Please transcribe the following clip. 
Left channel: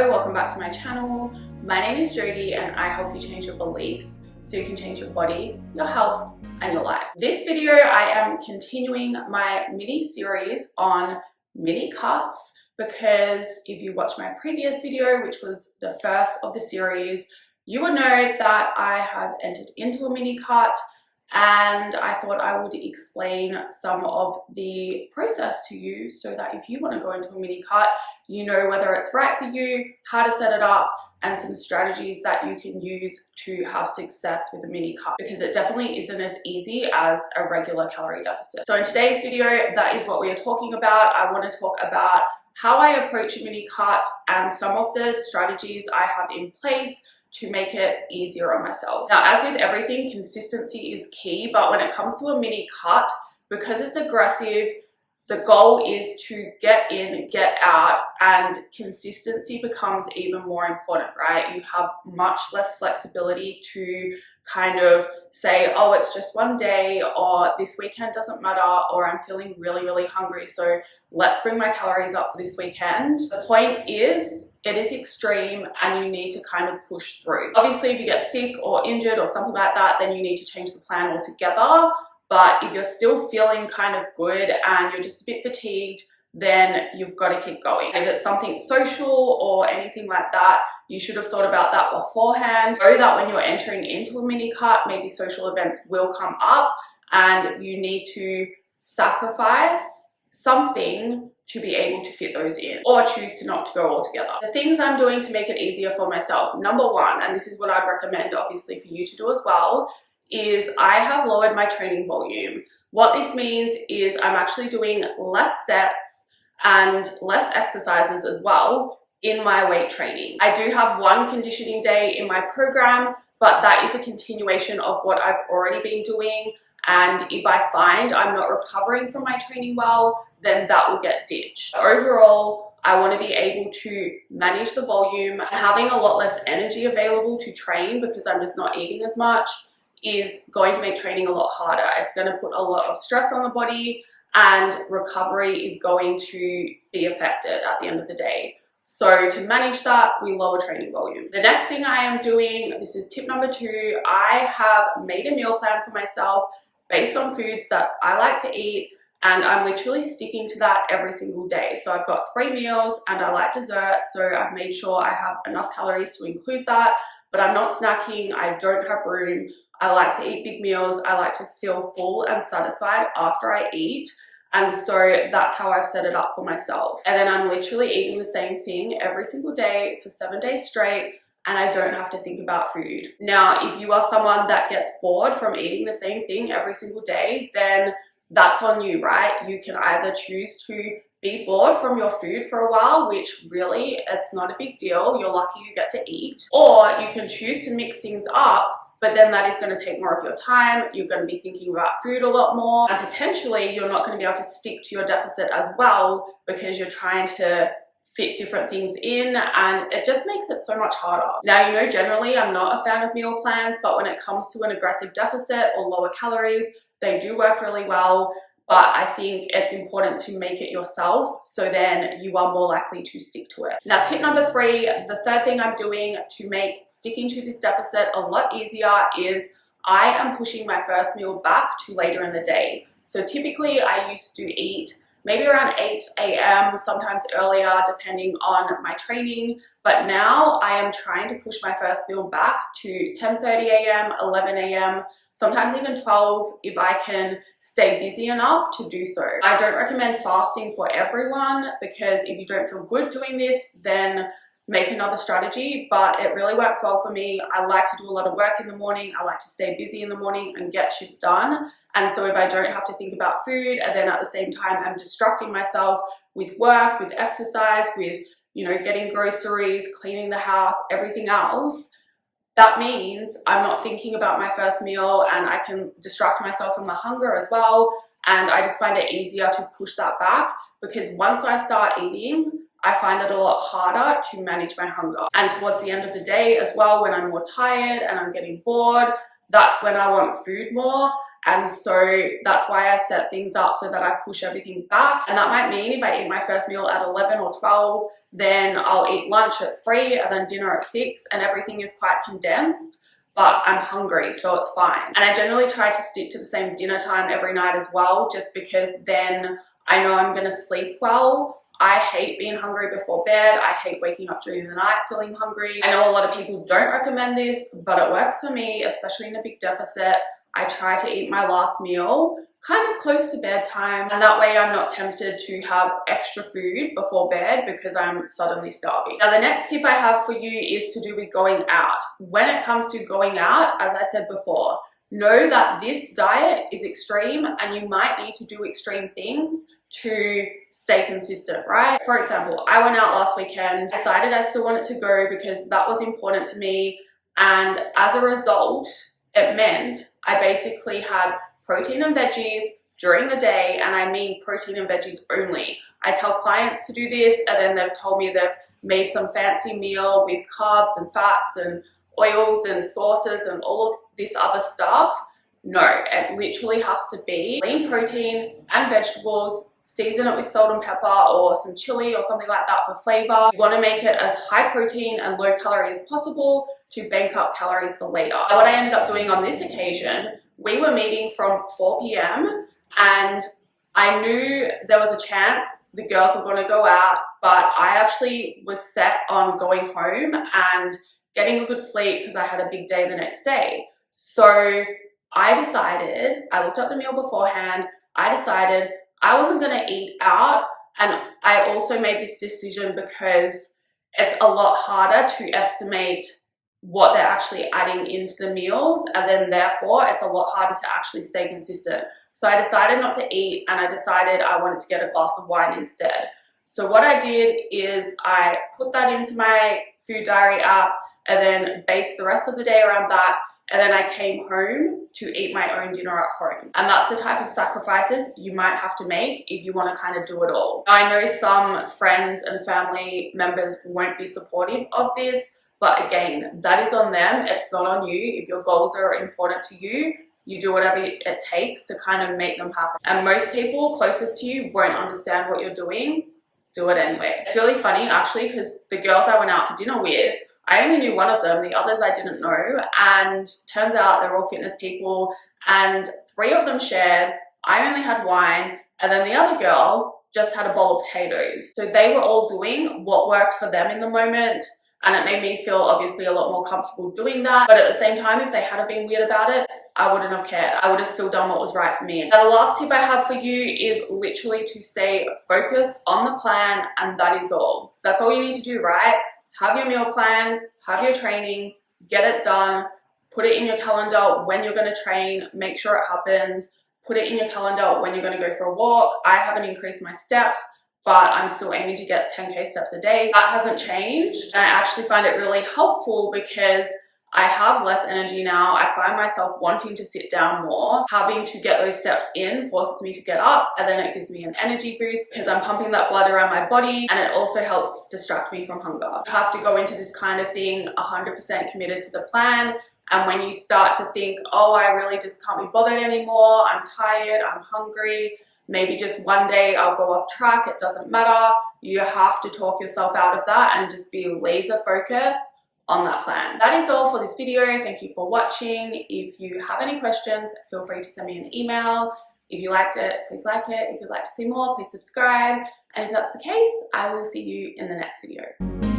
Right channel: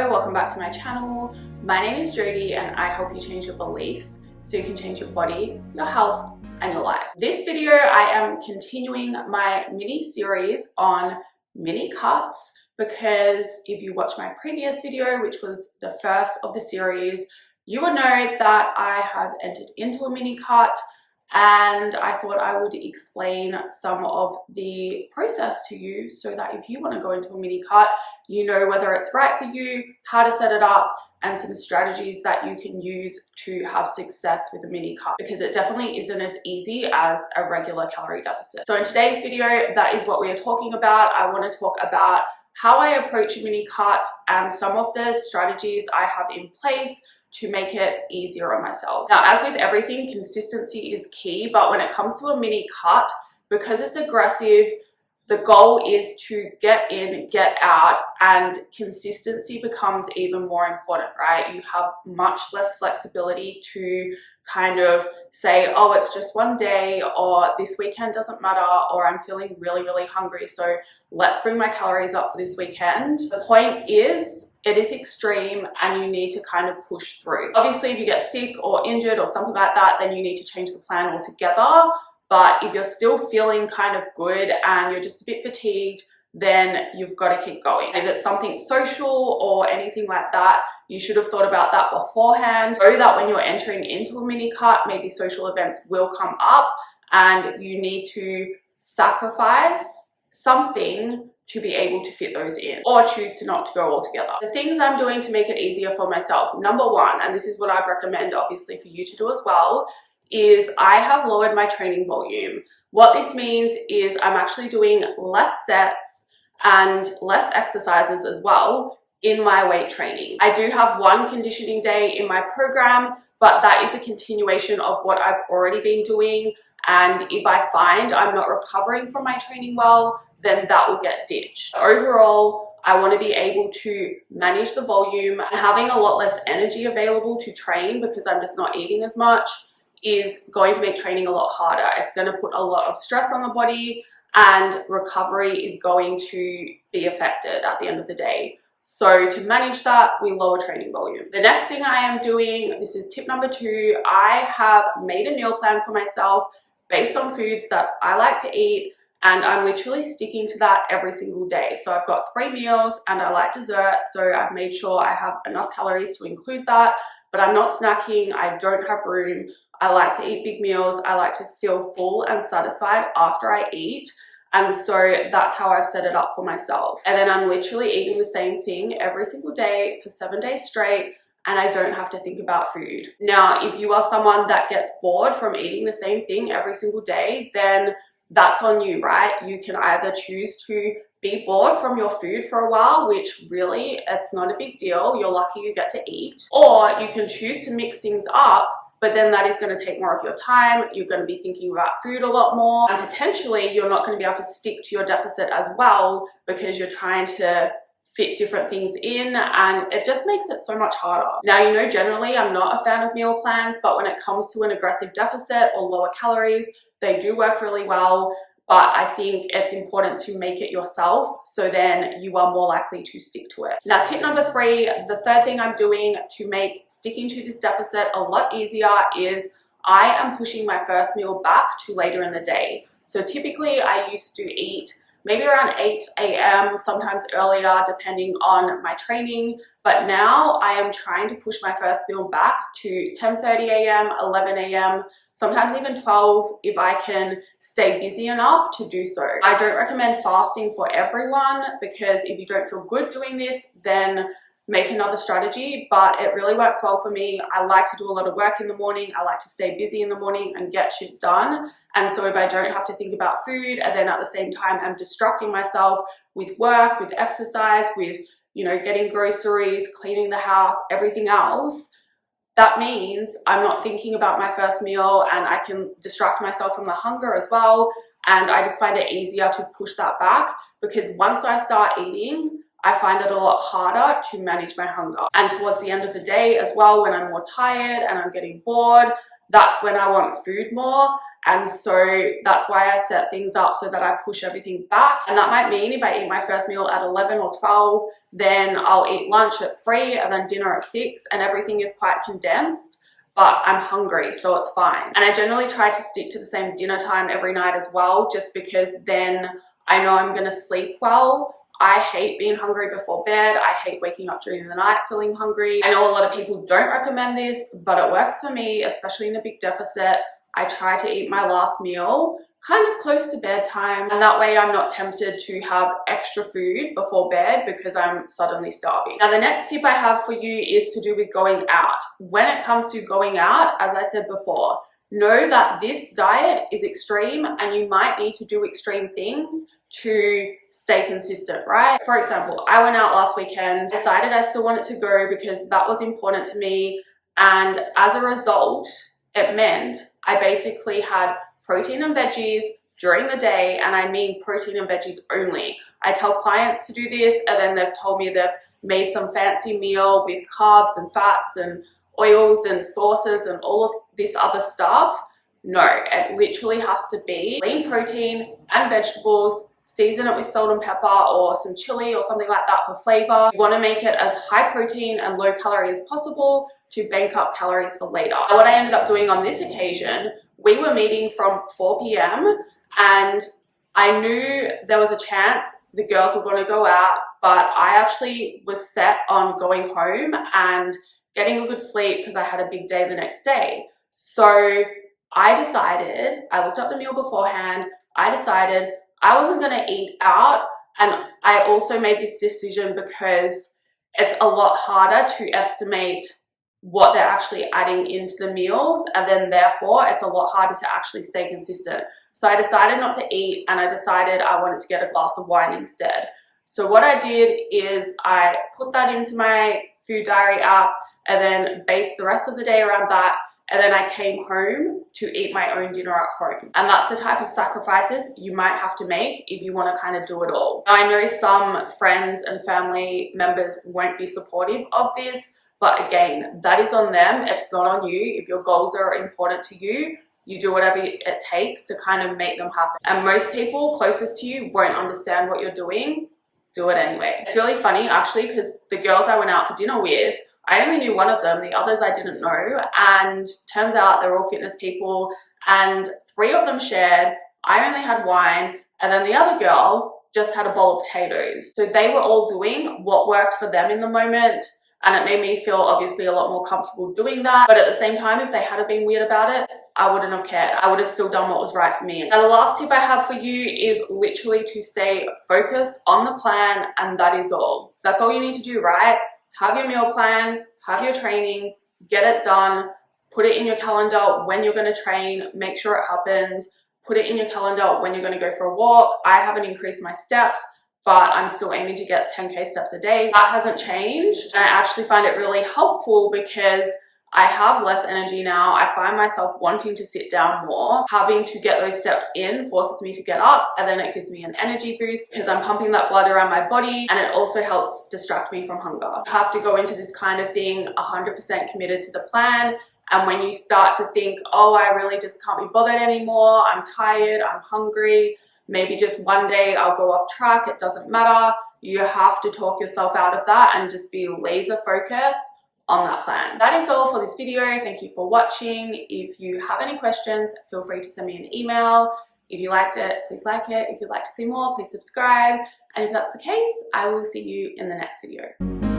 Hello, welcome back to my channel. My name is Jodie and I help you change your beliefs so you can change your body, your health, and your life. This video, I am continuing my mini series on mini cuts because if you watch my previous video, which was the first of the series, you will know that I have entered into a mini cut and I thought I would explain some of the process to you so that if you want to go into a mini cut, you know whether it's right for you, how to set it up, and some strategies that you can use to have success with a mini cut, because it definitely isn't as easy as a regular calorie deficit. So in today's video, that is what we are talking about. I want to talk about how I approach a mini cut and some of the strategies I have in place to make it easier on myself. Now, as with everything, consistency is key, but when it comes to a mini cut, because it's aggressive, the goal is to get in, get out, and consistency becomes even more important, right? You have much less flexibility to kind of say, oh, it's just one day, or this weekend doesn't matter, or I'm feeling really, really hungry, so let's bring my calories up for this weekend. The point is, it is extreme and you need to kind of push through. Obviously, if you get sick or injured or something like that, then you need to change the plan altogether. But if you're still feeling kind of good and you're just a bit fatigued, then you've got to keep going. If it's something social or anything like that, you should have thought about that beforehand. Know that when you're entering into a mini cut, maybe social events will come up and you need to sacrifice something to be able to fit those in, or choose to not to go altogether. The things I'm doing to make it easier for myself, number one, and this is what I'd recommend obviously for you to do as well, is I have lowered my training volume. What this means is I'm actually doing less sets and less exercises as well in my weight training. I do have one conditioning day in my program, but that is a continuation of what I've already been doing. And if I find I'm not recovering from my training well, then that will get ditched. Overall, I want to be able to manage the volume. Having a lot less energy available to train because I'm just not eating as much is going to make training a lot harder. It's going to put a lot of stress on the body and recovery is going to be affected at the end of the day. So to manage that, we lower training volume. The next thing I am doing, this is tip number 2, I have made a meal plan for myself based on foods that I like to eat, and I'm literally sticking to that every single day. So I've got 3 meals and I like dessert, so I've made sure I have enough calories to include that, but I'm not snacking, I don't have room. I like to eat big meals. I like to feel full and satisfied after I eat. And so that's how I've set it up for myself. And then I'm literally eating the same thing every single day for 7 days straight, and I don't have to think about food. Now, if you are someone that gets bored from eating the same thing every single day, then that's on you, right? You can either choose to be bored from your food for a while, which really, it's not a big deal. You're lucky you get to eat. Or you can choose to mix things up, but then that is going to take more of your time. You're going to be thinking about food a lot more, and potentially you're not going to be able to stick to your deficit as well because you're trying to fit different things in, and it just makes it so much harder. Now, you know, generally I'm not a fan of meal plans, but when it comes to an aggressive deficit or lower calories, they do work really well. But I think it's important to make it yourself so then you are more likely to stick to it. Now, tip number 3, the third thing I'm doing to make sticking to this deficit a lot easier is I am pushing my first meal back to later in the day. So typically I used to eat maybe around 8 a.m., sometimes earlier, depending on my training. But now I am trying to push my first meal back to 10:30 a.m., 11 a.m., sometimes even 12 if I can stay busy enough to do so. I don't recommend fasting for everyone because if you don't feel good doing this, then make another strategy, but it really works well for me. I like to do a lot of work in the morning. I like to stay busy in the morning and get shit done. And so if I don't have to think about food and then at the same time I'm distracting myself with work, with exercise, with, you know, getting groceries, cleaning the house, everything else, that means I'm not thinking about my first meal and I can distract myself from the hunger as well. And I just find it easier to push that back because once I start eating, I find it a lot harder to manage my hunger. And towards the end of the day as well, when I'm more tired and I'm getting bored, that's when I want food more. And so that's why I set things up so that I push everything back. And that might mean if I eat my first meal at 11 or 12, then I'll eat lunch at 3 and then dinner at 6, and everything is quite condensed, but I'm hungry, so it's fine. And I generally try to stick to the same dinner time every night as well, just because then I know I'm gonna sleep well. I hate being hungry before bed. I hate waking up during the night feeling hungry. I know a lot of people don't recommend this, but it works for me, especially in a big deficit. I try to eat my last meal kind of close to bedtime, and that way I'm not tempted to have extra food before bed because I'm suddenly starving. Now, the next tip I have for you is to do with going out. When it comes to going out, as I said before, know that this diet is extreme and you might need to do extreme things to stay consistent, right? For example, I went out last weekend, decided I still wanted to go because that was important to me, and as a result, it meant I basically had protein and veggies during the day, and I mean protein and veggies only. I tell clients to do this, and then they've told me they've made some fancy meal with carbs and fats and oils and sauces and all of this other stuff. No, it literally has to be lean protein and vegetables. Season it with salt and pepper or some chili or something like that for flavor. You want to make it as high protein and low calorie as possible to bank up calories for later. What I ended up doing on this occasion, we were meeting from 4 p.m. and I knew there was a chance the girls were going to go out, but I actually was set on going home and getting a good sleep because I had a big day the next day. So I decided, I looked up the meal beforehand, I decided I wasn't going to eat out, and I also made this decision because it's a lot harder to estimate what they're actually adding into the meals, and then therefore it's a lot harder to actually stay consistent. So I decided not to eat, and I decided I wanted to get a glass of wine instead. So what I did is I put that into my food diary app and then based the rest of the day around that. And then I came home to eat my own dinner at home. And that's the type of sacrifices you might have to make if you want to kind of do it all. I know some friends and family members won't be supportive of this, but again, that is on them. It's not on you. If your goals are important to you, you do whatever it takes to kind of make them happen. And most people closest to you won't understand what you're doing. Do it anyway. It's really funny actually, because the girls I went out for dinner with, I only knew one of them, the others I didn't know, and turns out they're all fitness people, and 3 of them shared. I only had wine, and then the other girl just had a bowl of potatoes. So they were all doing what worked for them in the moment, and it made me feel obviously a lot more comfortable doing that. But at the same time, if they had been weird about it, I wouldn't have cared. I would have still done what was right for me. Now, the last tip I have for you is literally to stay focused on the plan, and that is all. That's all you need to do, right? Have your meal plan, have your training, get it done, put it in your calendar when you're going to train, make sure it happens, put it in your calendar when you're going to go for a walk. I haven't increased my steps, but I'm still aiming to get 10K steps a day. That hasn't changed, and I actually find it really helpful because I have less energy now. I find myself wanting to sit down more. Having to get those steps in forces me to get up, and then it gives me an energy boost because I'm pumping that blood around my body, and it also helps distract me from hunger. You have to go into this kind of thing 100% committed to the plan, and when you start to think, oh, I really just can't be bothered anymore, I'm tired, I'm hungry, maybe just one day I'll go off track, it doesn't matter. You have to talk yourself out of that and just be laser focused on that plan. That is all for this video. Thank you for watching. If you have any questions, feel free to send me an email. If you liked it, please like it. If you'd like to see more, please subscribe. And if that's the case, I will see you in the next video.